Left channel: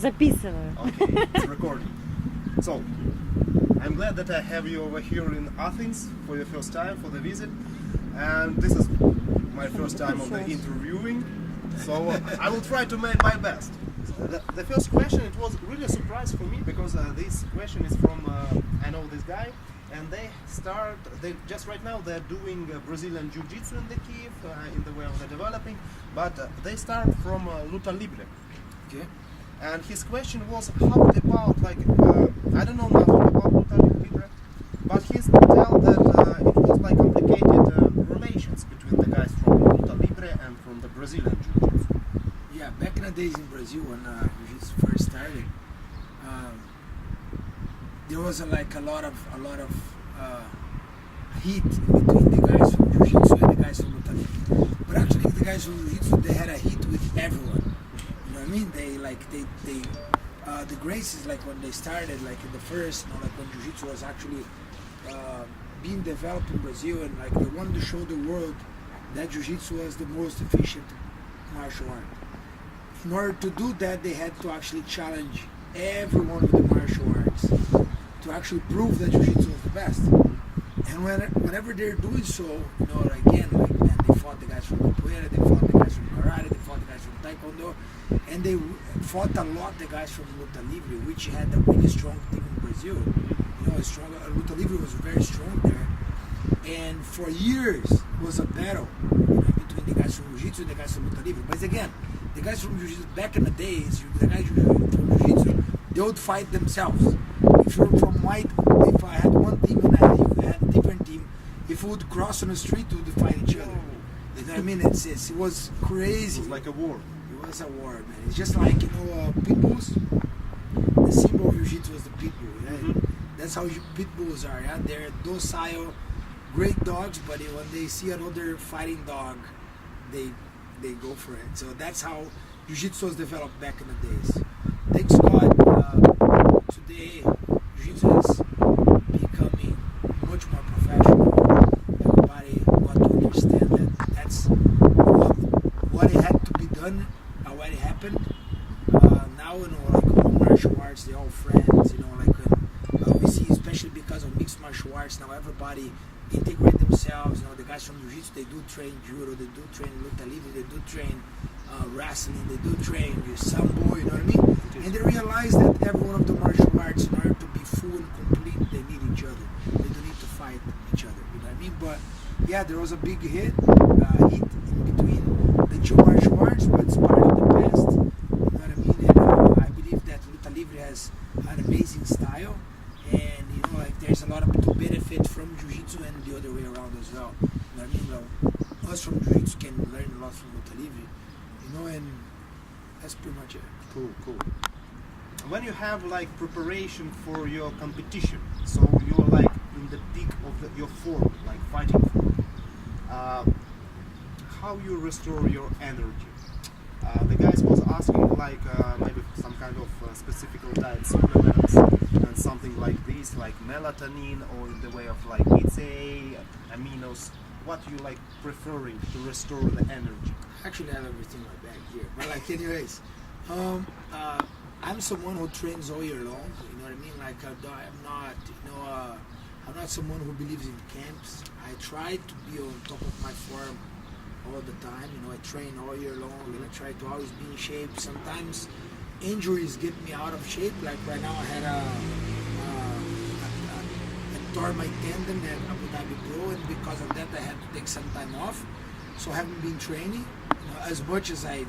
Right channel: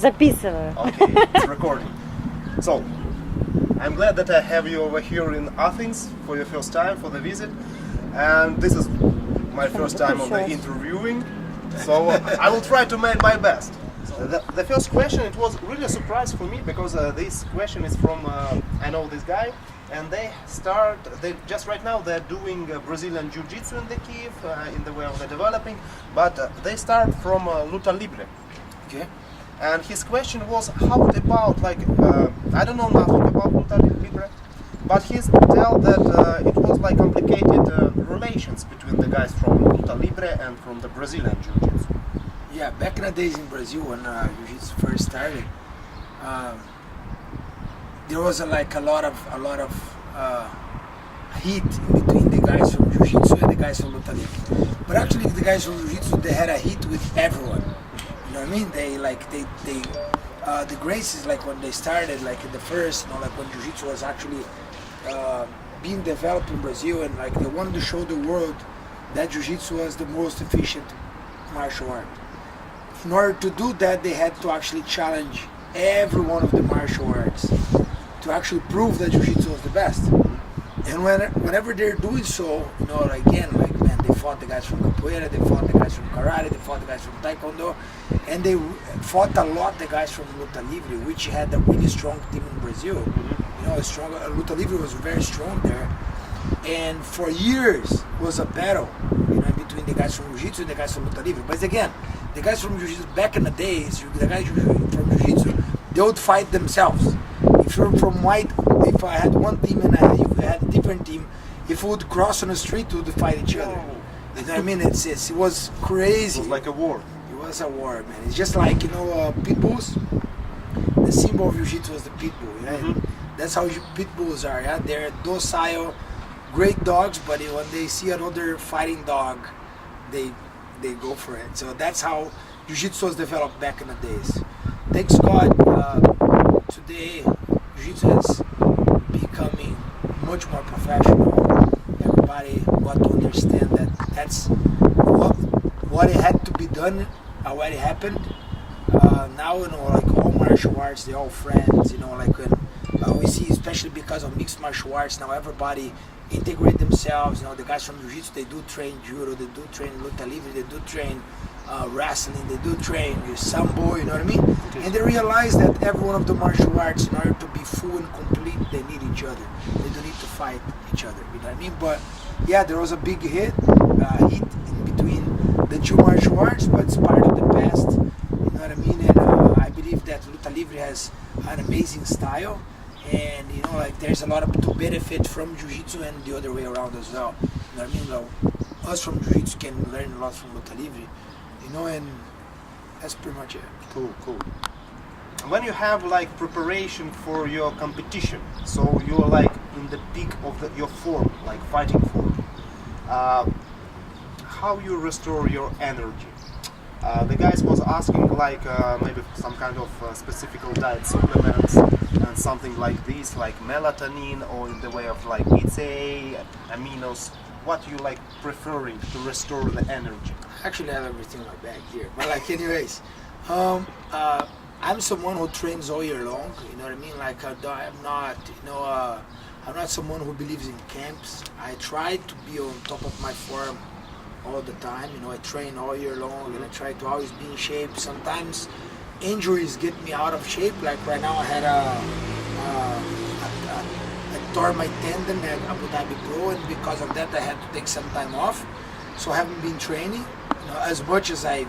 Записываю. Okay, it's recording. So, I'm glad that I have you over here in Athens for your first time, for the visit. And this is my first time on the interviewing. So, I will try to make my best. The first question, it was really a surprise for me because this question is from, I know this guy, and they just right now they're doing Brazilian jiu-jitsu in the Kiev, in the way of the developing, but they start from luta libre. Okay. And his question was, how about, like, I don't know nothing about luta libre, but he tell that it was like complicated relations between the guys from luta libre and from the Brazilian jiu-jitsu. Yeah, back in the days in Brazil when jiu-jitsu first started, there was a lot of heat in between the guys from jiu-jitsu and the guys from luta libre. But actually, the guys from jiu-jitsu, they had a heat with everyone. You know what I mean? The graces, like when they started, like in the first, like when jiu-jitsu was actually being developed in Brazil, and like they wanted to show the world that jiu-jitsu was the most efficient martial art. In order to do that, they had to actually challenge every one of the martial arts to actually prove that jiu-jitsu was the best. And whenever they're doing so, they fought the guys from capoeira, they fought the guys from karate, they fought the guys from taekwondo, and they fought a lot the guys from luta libre, which had a really strong team in Brazil. Luta libre was very strong there, and for years it was a battle, between the guys from jiu-jitsu and the guys from luta libre. But again, the guys from jiu-jitsu back in the days, the guys from jiu-jitsu, they would fight themselves. If you're from white, if I had one team and you had a different team, if we would cross on the street, we would fight each other. You know what I mean? It was crazy. It was like a war. It was a war, man. It's just like, pit bulls. The symbol of jiu-jitsu was the pit bull. Yeah? That's how pit bulls are. Yeah? They're docile, great dogs, but when they see another fighting dog, they go for it. So that's how jiu-jitsu was developed back in the days. Thanks God, today jiu-jitsu is becoming much more professional. Everybody got to understand that that's what it had to be done, what happened. Now, like all martial arts, they're all friends. Like when we see, especially because of mixed martial arts, now everybody integrate themselves. The guys from jiu-jitsu, they do train judo, they do train luta libre, they do train wrestling, they do train sambo, you know what I mean? And they realize that every one of the martial arts, in order to be full and complete, they need each other. They don't need to fight each other, you know what I mean? But yeah, there was a big heat in between the two martial arts, but it's part of the past, you know what I mean? And I believe that luta libre has an amazing style, and there's a lot to benefit from jiu-jitsu and the other way around as well. You know what I mean? Us from jiu-jitsu can learn a lot from luta libre. And that's pretty much it. Cool. When you have like preparation for your competition, so you're like in the peak of your form, like fighting form, how you restore your energy? The guys was asking like maybe some kind of specific diet supplements and something like this, like melatonin, or in the way of like BCA, aminos. What you like preferring to restore the energy? Actually, I have everything in my bag here. But anyways, I'm someone who trains all year long. You know what I mean? Like I'm not, I'm not someone who believes in camps. I try to be on top of my form all the time. I train all year long, and I try to always be in shape. Sometimes injuries get me out of shape. Like right now, I had I tore my tendon at Abu Dhabi Pro, and because of that, I had to take some time off. So I haven't been training, as much as I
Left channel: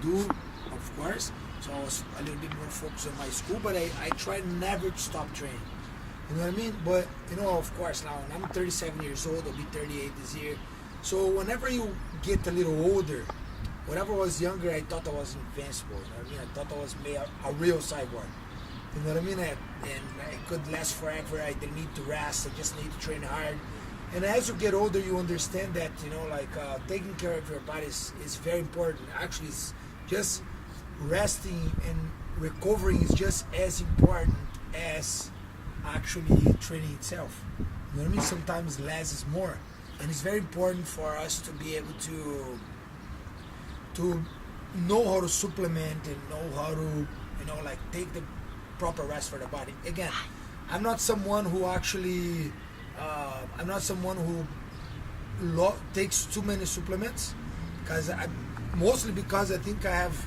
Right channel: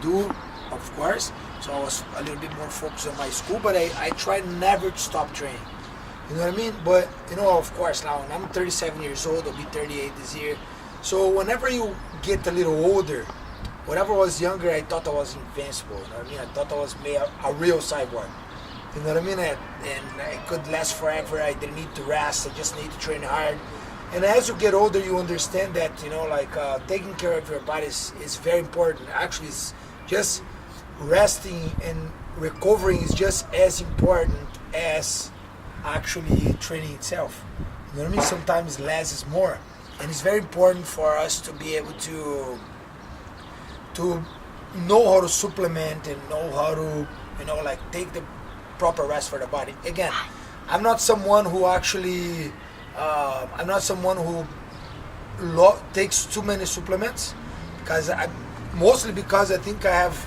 do, of course. So I was a little bit more focused on my school, but I try never to stop training. You know what I mean? But of course, now I'm 37 years old. I'll be 38 this year. So whenever you get a little older, whenever I was younger, I thought I was invincible. You know what I mean? I thought I was a real cyborg. You know what I mean? And I could last forever. I didn't need to rest. I just need to train hard. And as you get older, you understand that, taking care of your body is very important. Actually, it's just resting and recovering is just as important as actually training itself. You know what I mean? Sometimes less is more. And it's very important for us to be able to know how to supplement and know how to you know, like take the proper rest for the body. Again, I'm not someone who actually, I'm not someone who takes too many supplements, mostly because I think I have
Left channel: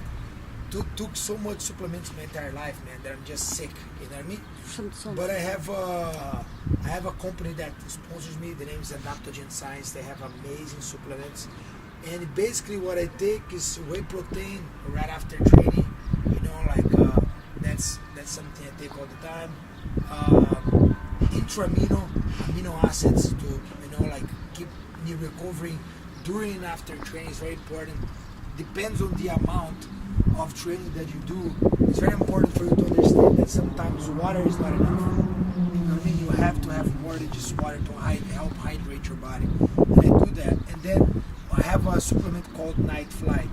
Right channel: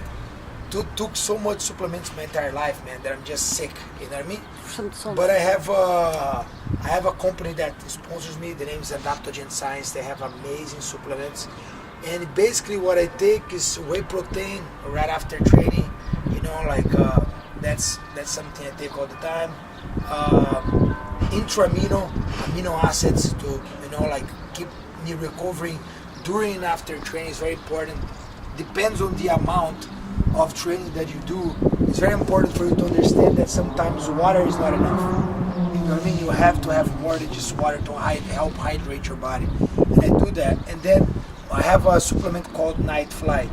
took so much supplements my entire life, man, that I'm just sick. You know what I mean? But I have a company that sponsors me. The name is Adaptogen Science. They have amazing supplements, and basically what I take is whey protein right after training. You know, like that's something I take all the time. Amino acids to, you know, like keep me recovering during and after training is very important. Depends on the amount of training that you do. It's very important for you to understand that sometimes water is not enough. You know what I mean? You have to have more than just water to help hydrate your body. And I do that. And then I have a supplement called Night Flight.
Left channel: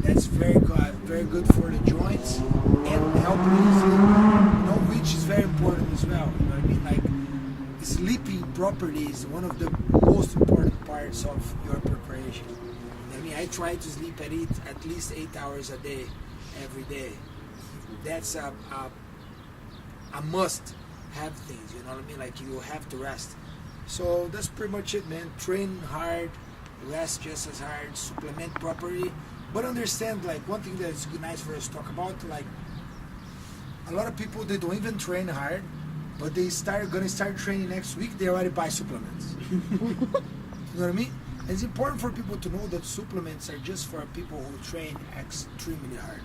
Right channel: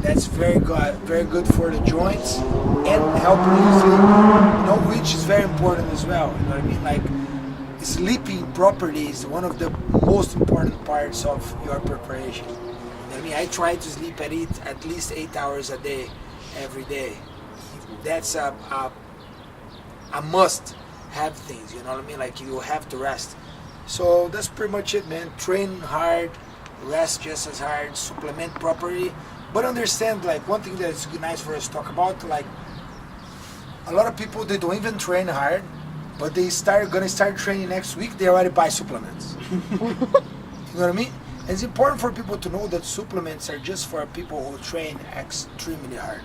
That's very good for the joints and helping you sleep. You know, which is very important as well. You know what I mean? Like, sleeping properly is one of the most important parts of your preparation. You know what I mean? I try to sleep at least 8 hours a day, every day. That's a must have things, you know what I mean? Like, you have to rest. So that's pretty much it, man. Train hard, rest just as hard, supplement properly. But understand, like, one thing that's nice for us to talk about, like, a lot of people, they don't even train hard, but gonna start training next week, they already buy supplements. You know what I mean? It's important for people to know that supplements are just for people who train extremely hard,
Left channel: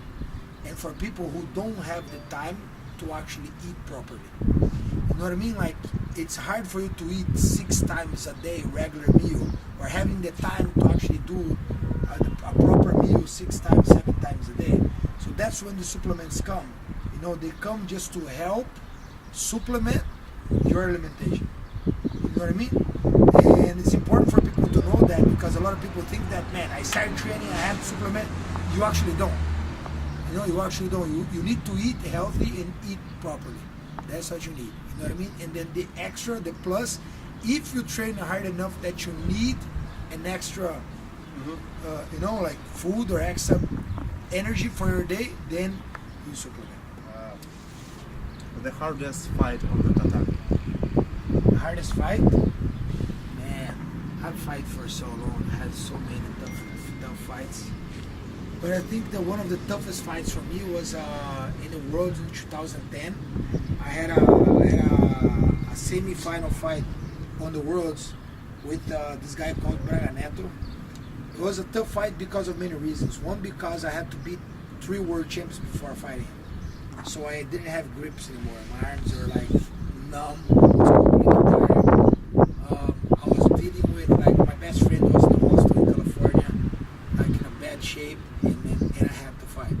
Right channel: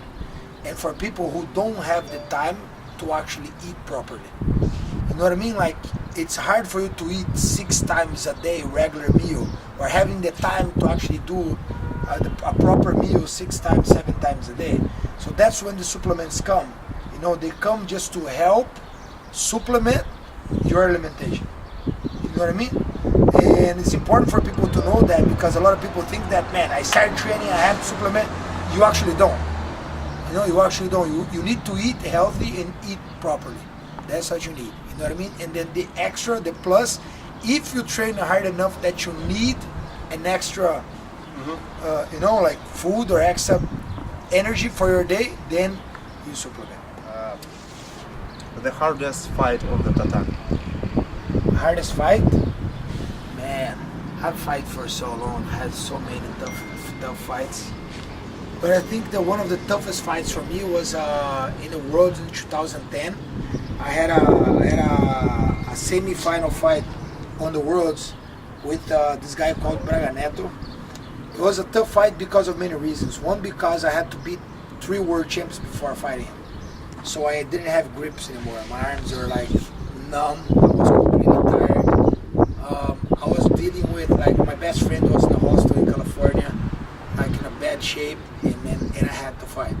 and for people who don't have the time to actually eat properly. You know what I mean? Like, it's hard for you to eat 6 times a day regular meal, or having the time to actually do a proper meal 6 times, 7 times a day. So that's when the supplements come. You know, they come just to help supplement your alimentation. You know what I mean? And it's important for people to know that, because a lot of people think that, man, I started training, I have to supplement. You actually don't. You know, you actually don't. You need to eat healthy and eat properly. That's what you need. You know what I mean? And then the extra, the plus, if you train hard enough that you need an extra, you know, like food or extra energy for your day, then you supplement. The hardest fight on the tatami? Hardest fight? Man, I've fight for so long. I had so many tough fights. But I think that one of the toughest fights for me was in the Worlds in 2010. I had a semi-final fight on the Worlds with this guy called Abreu. It was a tough fight because of many reasons. One, because I had to beat 3 world champs before fighting him. So I didn't have grips anymore. My arms were like numb. I was completely tired. I was dealing with, like, my best friend was in the hospital in California, like in a bad shape, and I had to fight.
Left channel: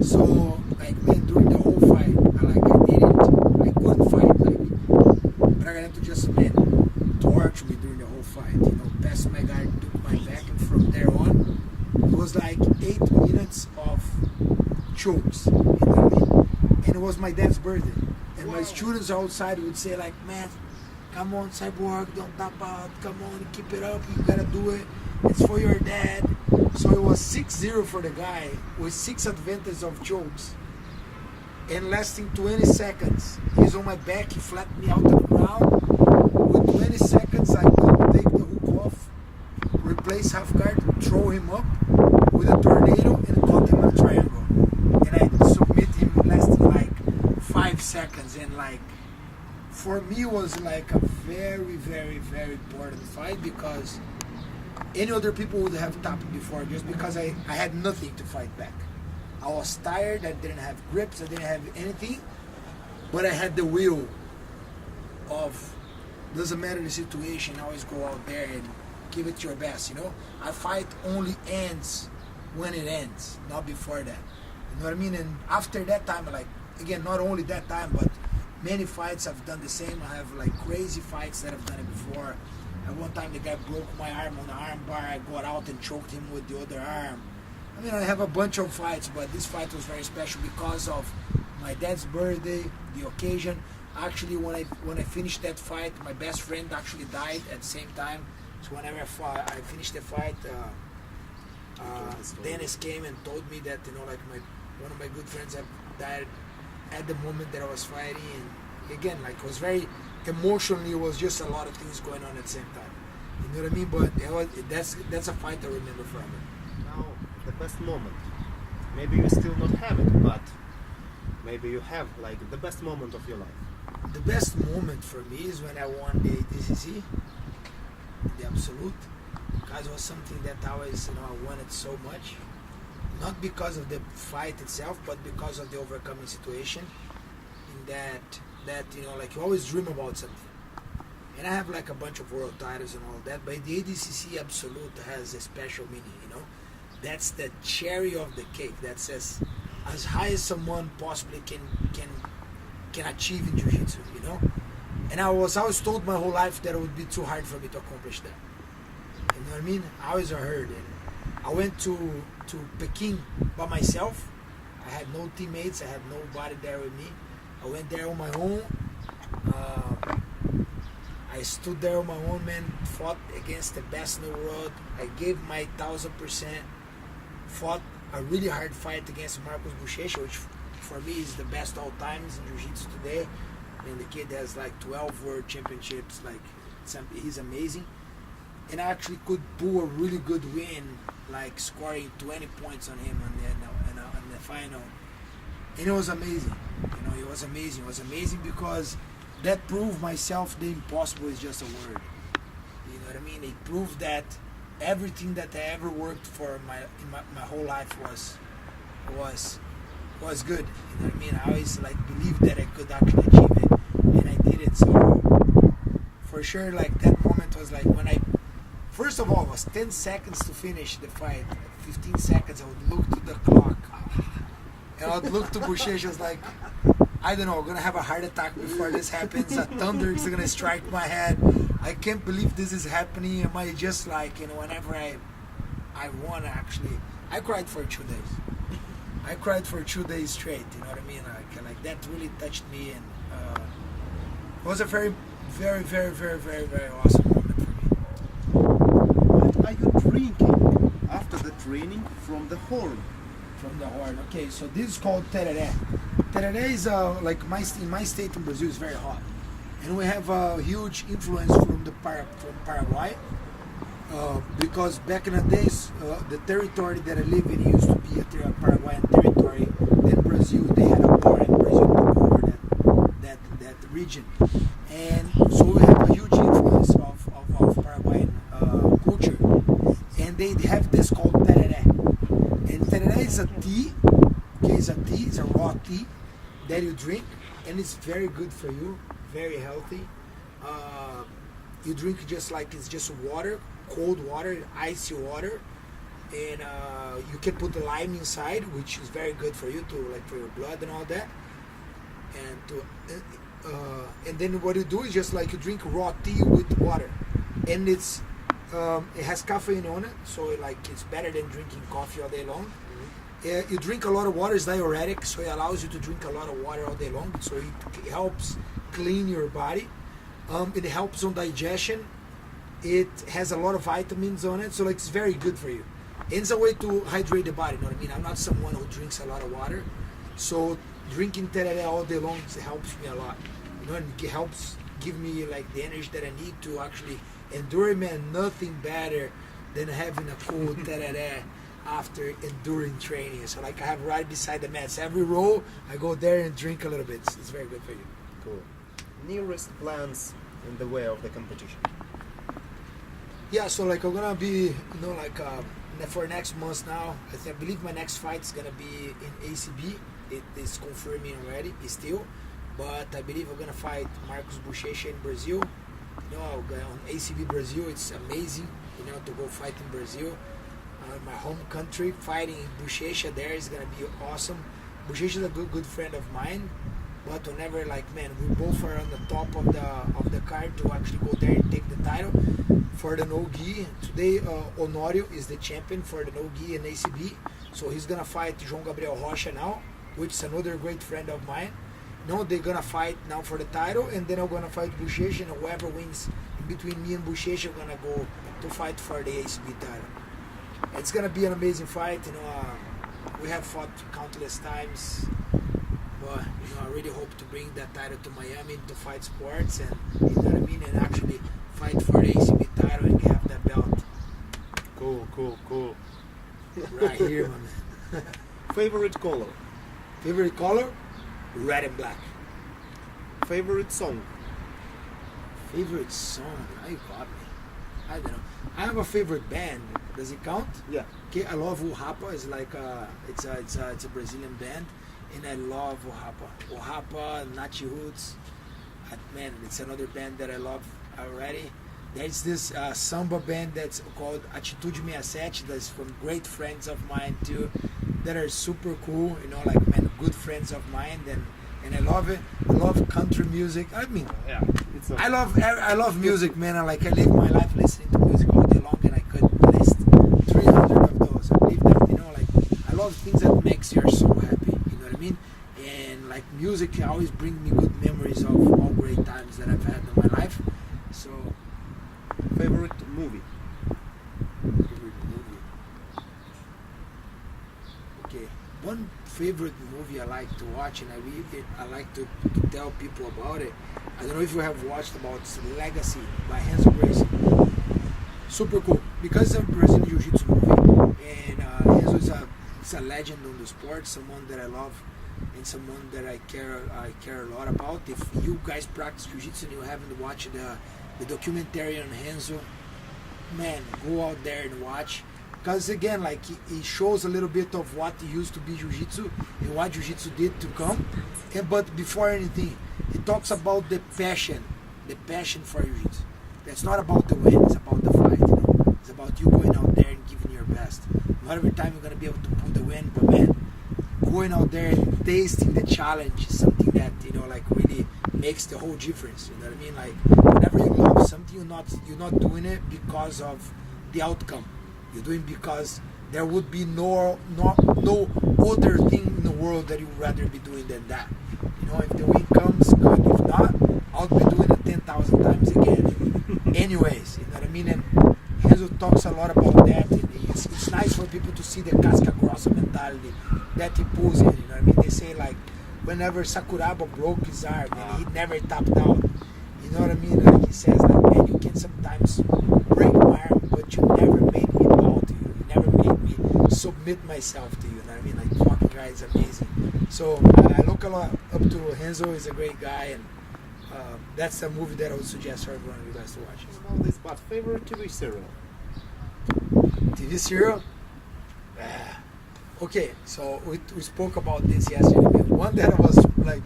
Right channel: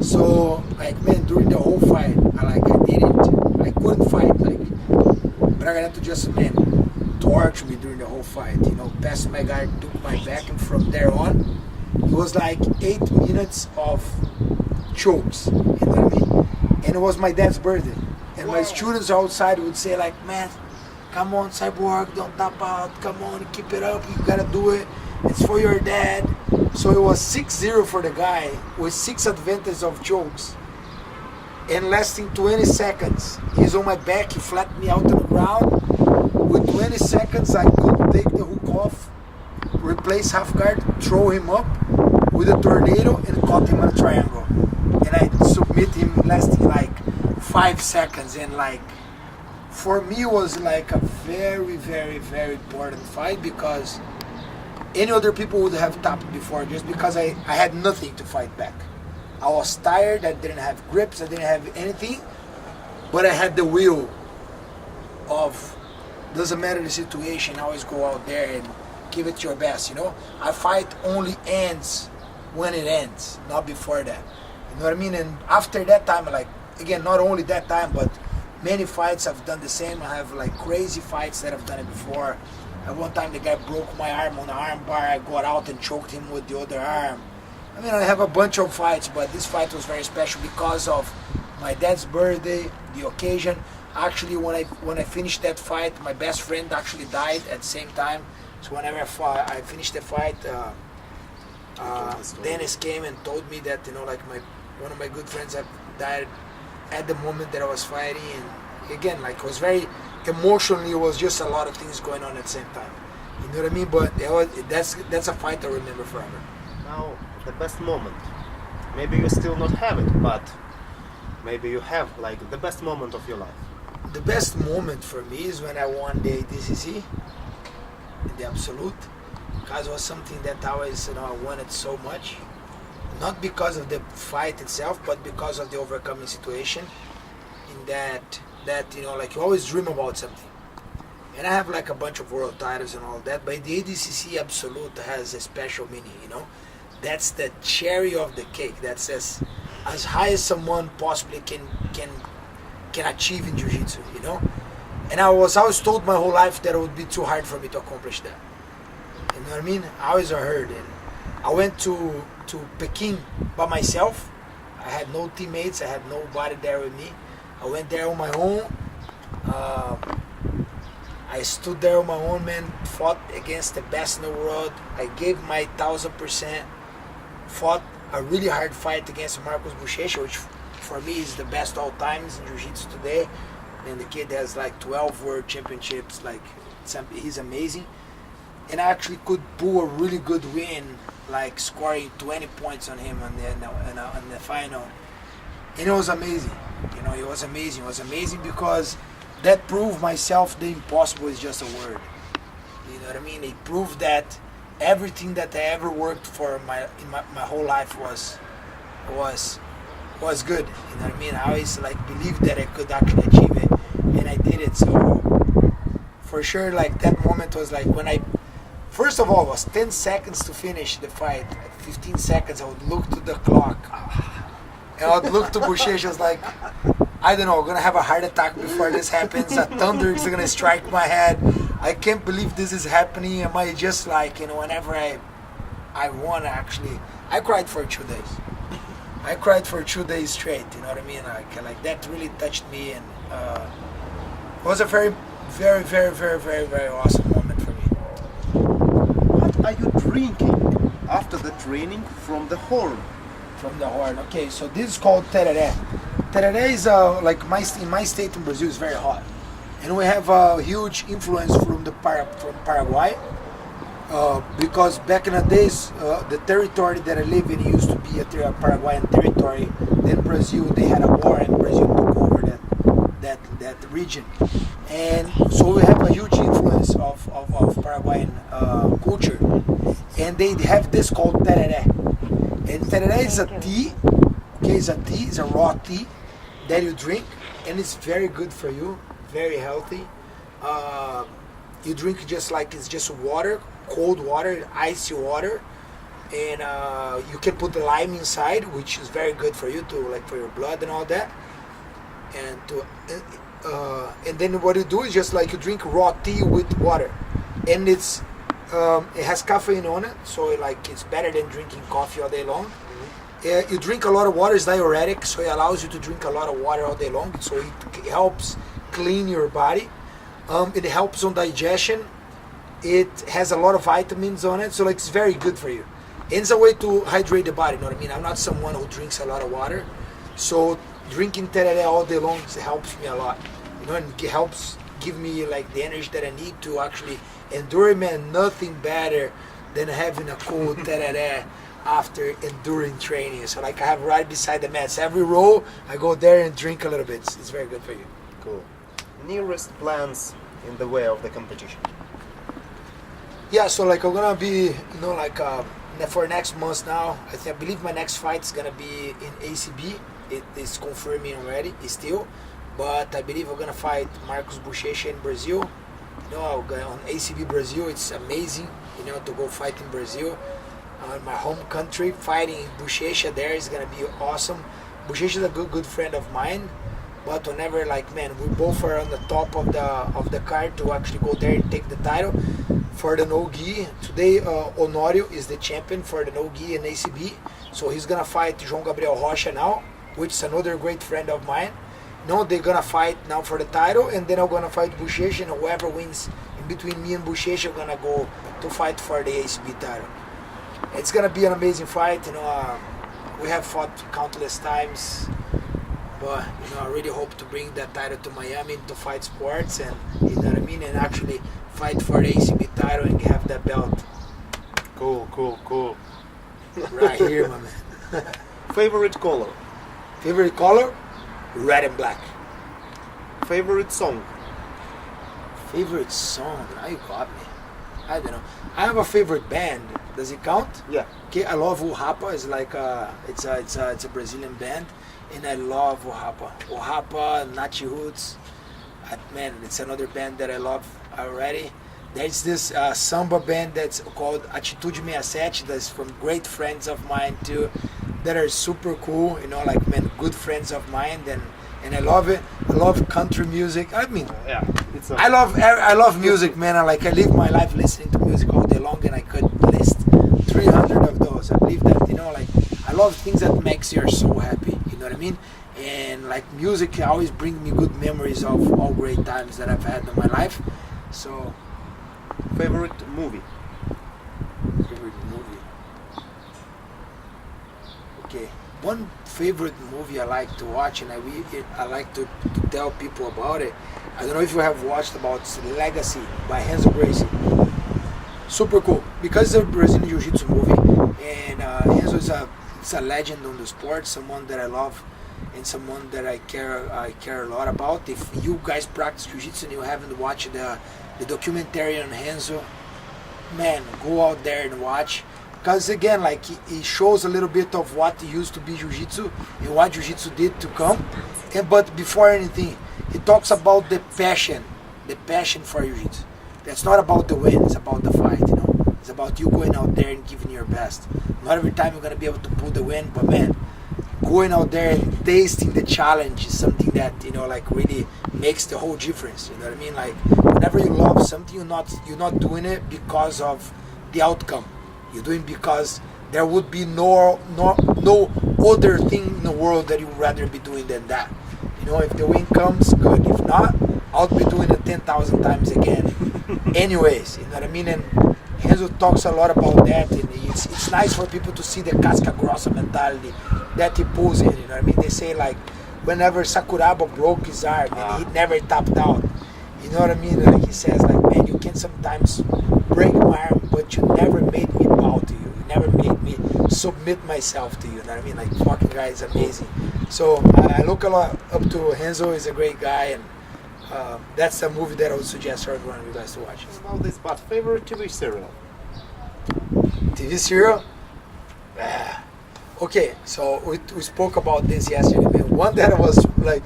So, like, man, during the whole fight, I couldn't fight. Like, Braganeto just, man, tortured me during the whole fight. You know, passed my guard, took my back, and from there on, it was like 8 minutes of chokes. You know what I mean? And it was my dad's birthday. And my students outside would say, like, man, come on, Cyborg, don't tap out. Come on, keep it up. You gotta do it. It's for your dad. So it was 6-0 for the guy with 6 advantages of chokes. And lasting 20 seconds. He's on my back. He flattened me out on the ground. With 20 seconds, I could take the hook off, replace half guard, throw him up with a tornado, and caught him in a triangle. And I submit him lasting like 5 seconds. And, like, for me, it was like a very, very, very important fight, because any other people would have tapped before, just because I had nothing to fight back. I was tired, I didn't have grips, I didn't have anything, but I had the will of, doesn't matter the situation, always go out there and give it your best, you know? A fight only ends when it ends, not before that. You know what I mean? And after that time, like, again, not only that time, but many fights I've done the same. I have, like, crazy fights that I've done it before. At one time, the guy broke my arm on the arm bar. I got out and choked him with the other arm. I mean, I have a bunch of fights, but this fight was very special because of my dad's birthday, the occasion. Actually, when I finished that fight, my best friend actually died at the same time. So whenever I finished the fight, Dennis came and told me that, you know, like, one of my good friends died at the moment that I was fighting, and again, like, it was very emotionally, it was just a lot of things going on at the same time. You know what I mean? But that's a fight I remember forever. Now, the best moment. Maybe you still not have it, but maybe you have like the best moment of your life. The best moment for me is when I won the ADCC in the absolute, because it was something that I always, I wanted so much. Not because of the fight itself, but because of the overcoming situation. In that like, you always dream about something. And I have like a bunch of world titles and all that, but the ADCC absolute has a special meaning. That's the cherry of the cake. That's as high as someone possibly can achieve in jiu-jitsu, And I was always told my whole life that it would be too hard for me to accomplish that. You know what I mean? I always heard it. I went to Peking by myself. I had no teammates. I had nobody there with me. I went there on my own. I stood there on my own, man. Fought against the best in the world. I gave my 1000%. Fought a really hard fight against Marcos Buchecha, which for me is the best all times in jiu-jitsu today. And the kid has like 12 world championships. Like, he's amazing. And I actually could pull a really good win, like scoring 20 points on him in the final. And it was amazing. It was amazing. It was amazing because that proved myself the impossible is just a word. You know what I mean? It proved that everything that I ever worked for in my whole life was good. You know what I mean? I always like believed that I could actually achieve it, and I did it. So for sure, like, that moment was like when first of all, it was 10 seconds to finish the fight. At 15 seconds, I would look to the clock. And I would look to Buchecha, I was like, I don't know, I'm going to have a heart attack before this happens. A thunder is going to strike my head. I can't believe this is happening. Am I just like, whenever I won, actually, I cried for 2 days. I cried for 2 days straight, you know what I mean? Like that really touched me, and it was a very, very, very, very, very, very awesome moment for me. What are you drinking after the training from the horn? From the horn. Okay, so this is called tereré. Tereré is like in my state in Brazil is very hot, and we have a huge influence from Paraguay, because back in the days, the territory that I live in used to be a Paraguayan territory. Then Brazil, they had a war, and Brazil took over that region, and so we have a huge influence of Paraguayan culture, and they have this called tereré. And tereré is a tea, okay, it's a raw tea that you drink, and it's very good for you, very healthy. You drink just like it's just water, cold water, icy water, and you can put the lime inside, which is very good for you, for your blood and all that. And then what you do is just like you drink raw tea with water, and it has caffeine on it, so it's better than drinking coffee all day long. You drink a lot of water, it's diuretic, so it allows you to drink a lot of water all day long, so it helps clean your body. It helps on digestion. It has a lot of vitamins on it, so it's very good for you. It's a way to hydrate the body, you know what I mean? I'm not someone who drinks a lot of water, so drinking tereré all day long helps me a lot, and it helps give me the energy that I need to actually endure, man. Nothing better than having a cold tereré after enduring training. So I have right beside the mats. Every row, I go there and drink a little bit. It's very good for you. Cool. Nearest plans in the way of the competition? Yeah, so I'm gonna be, for next month now, I believe my next fight is gonna be in ACB. It is confirming already, still. But I believe I'm gonna fight Marcos Buchecha in Brazil. I'll go on ACB Brazil. It's amazing, to go fight in Brazil, my home country. Fighting Buchecha there is gonna be awesome. Buchecha is a good friend of mine, but whenever we both are on the top of the card to actually go there and take the title for the no-gi. Today, Honorio is the champion for the no-gi in ACB, so he's gonna fight João Gabriel Rocha now, which is another great friend of mine. They're gonna fight now for the title, and then I'm gonna fight Buchecha, and whoever wins in between me and Buchecha are gonna go to fight for the ACB title. It's gonna be an amazing fight. We have fought countless times. But you know, I really hope to bring that title to Miami to fight sports, and you know what I mean, and actually fight for the ACB title and have that belt. Cool. Right here, my man. Favorite color? Favorite color? Red and black. Favorite song? Favorite song? Now you got me. I don't know. I have a favorite band. Does it count? Yeah. Okay, I love Uhapa. It's like it's a Brazilian band, and I love Uhapa. Uhapa, Nachi Roots. Man, it's another band that I love already. There's this samba band that's called Atitude 67. That's from great friends of mine too, that are super cool. You know, like man, good friends of mine. And I love it. I love country music. I mean, Yeah. I love music, man. I live my life listening to music all day long, and I could list 300 of those. I believe that, you know, like I love things that makes your soul happy. You know what I mean? And like music always brings me good memories of all great times that I've had in my life. So, Favorite movie? favorite movie. Okay, one favorite movie I like to watch, and I like to tell people about it. I don't know if you have watched about Legacy by Renzo Gracie. Super cool because it's a Brazilian jiu-jitsu movie, and Renzo is a legend on the sport, someone that I love, and someone that I care a lot about. If you guys practice jiu-jitsu and you haven't watched the documentary on Renzo, man, go out there and watch. Because again, like he shows a little bit of what used to be jiu-jitsu and what jiu-jitsu did to come. But before anything, he talks about the passion for jiu-jitsu. That's not about the win, it's about the fight, you know. It's about you going out there and giving your best. Not every time you're gonna be able to pull the win, but man, going out there and tasting the challenge is something that, you know, like really makes the whole difference. You know what I mean? Like whenever you love something, you're not doing it because of the outcome. You're doing because there would be no other thing in the world that you would rather be doing than that. You know, if the win comes, good. If not, I'll be doing it 10,000 times again. Anyways, you know what I mean? And Renzo talks a lot about that, and it's nice for people to see the casca grossa mentality that he pulls in. You know what I mean? They say like, whenever Sakuraba broke his arm, and he never tapped out. You know what I mean? Like he says, like, man, you can sometimes break my arm, but you never made me bow to you. You never made me submit myself to you. You know what I mean? Like, fucking guy is amazing. So I look a lot up to Renzo. He's a great guy, and that's a movie that I would suggest for everyone of you guys to watch. About this, but favorite TV serial? TV serial? Okay, so we spoke about this yesterday, man. One that was like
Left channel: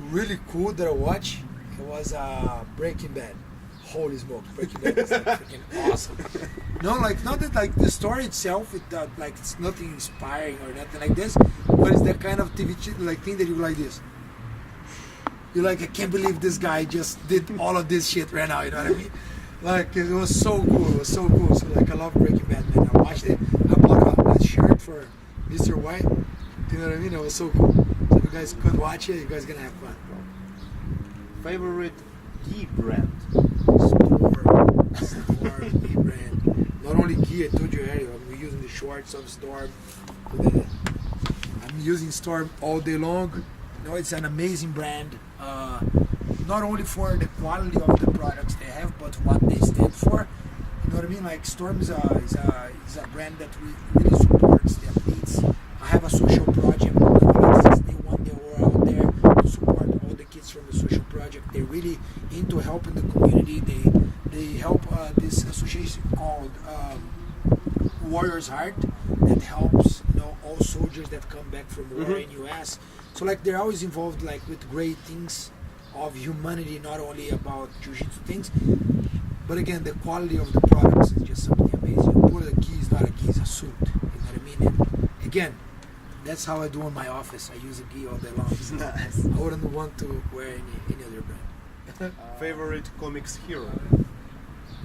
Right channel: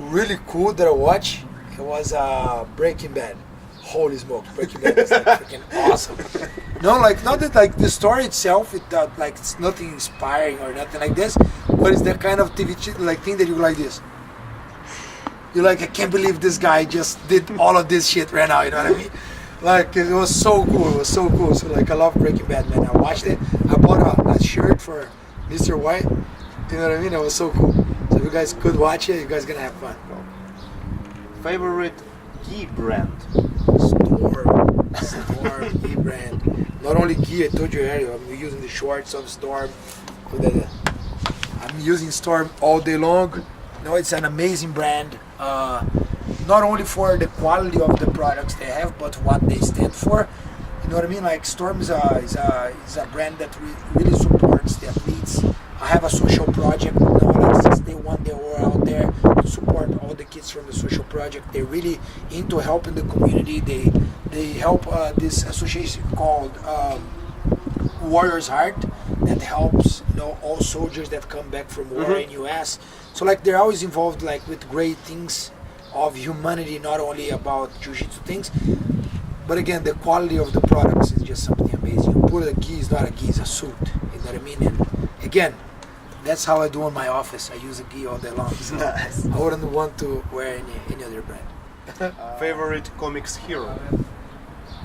really cool that I watched, it was Breaking Bad. Holy smokes, Breaking Bad is like freaking awesome. No, like not that like the story itself, like it's nothing inspiring or nothing like this, but it's the kind of TV like thing that you like this. You're like, I can't believe this guy just did all of this shit right now. You know what I mean? Like it was so cool. It was so cool. So like I love Breaking Bad, man. I watched it. I bought a shirt for Mr. White. You know what I mean? It was so cool. So if you guys could watch it, you guys gonna have fun. Favorite gi brand? Storm gi brand. Not only gi, I told you earlier, I'm using the shorts of Storm. I'm using Storm all day long. No, it's an amazing brand. Not only for the quality of the products they have, but what they stand for. You know what I mean? Like Storm is a brand that really supports the athletes. I have a social project, you know, like since day one they were out there to support all the kids from the social project. They're really into helping the community. They help this association called Warrior's Heart that helps, you know, all soldiers that come back from war in US. So like they're always involved like with great things of humanity, not only about jiu-jitsu things, but again the quality of the products is just something amazing. You put a gi is not a gi, it's a suit. You know what I mean? And again, that's how I do in my office. I use a gi all day long. So Nice. I wouldn't want to wear any other brand. Favorite comics hero?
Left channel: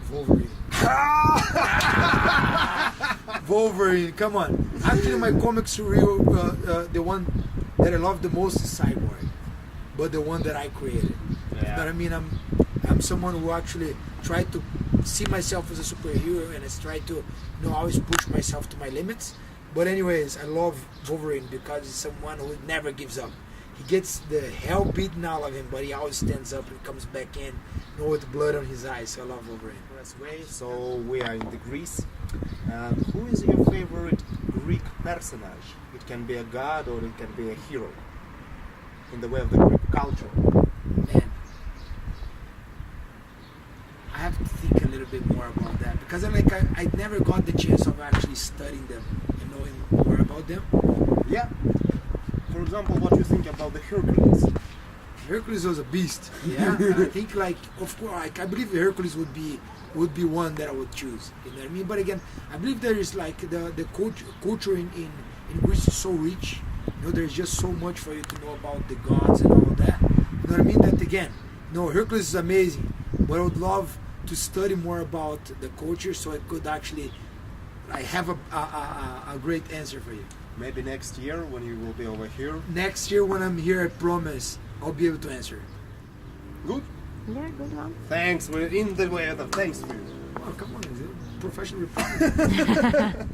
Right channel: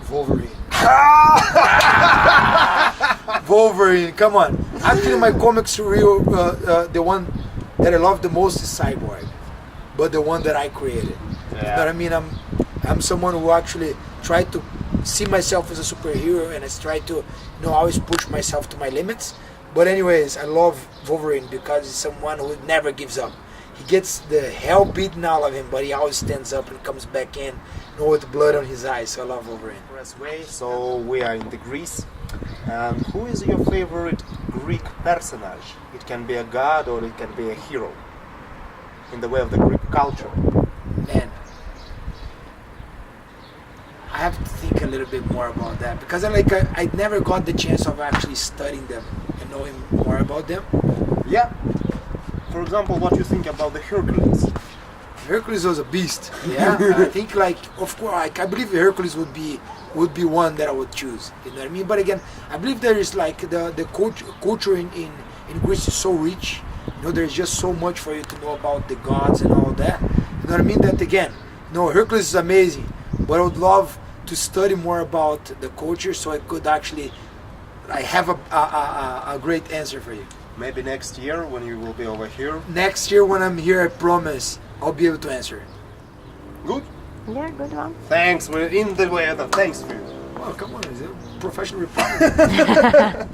Wolverine. Wolverine, come on. Actually, my comics real, the one that I love the most is Cyborg, but the one that I created. You know what I mean? I'm someone who actually tried to see myself as a superhero, and I try to, you know, always push myself to my limits. But anyways, I love Wolverine because he's someone who never gives up. he gets the hell beaten out of him, but he always stands up and comes back in, with blood on his eyes. So I love Wolverine. So we are in the Greece. And who is your favorite Greek personage? It can be a god or it can be a hero in the way of the Greek culture. Man, I have to think a little bit more about that because I never got the chance of actually studying them and knowing more about them. Yeah. For example, what you think about the Hercules? Hercules was a beast. Yeah, I think of course I believe Hercules would be one that I would choose. You know what I mean? But again, I believe there is the culture in Greece is so rich. There's just so much for you to know about the gods and all that. You know what I mean? That again, Hercules is amazing, but I would love to study more about the culture so I could actually have a great answer for you. Maybe next year when you will be over here. Next year when I'm here, I promise I'll be able to answer. Good? Yeah, good one. Thanks, we're in the weather. Thanks for you. Oh, come on, is it professional reporter?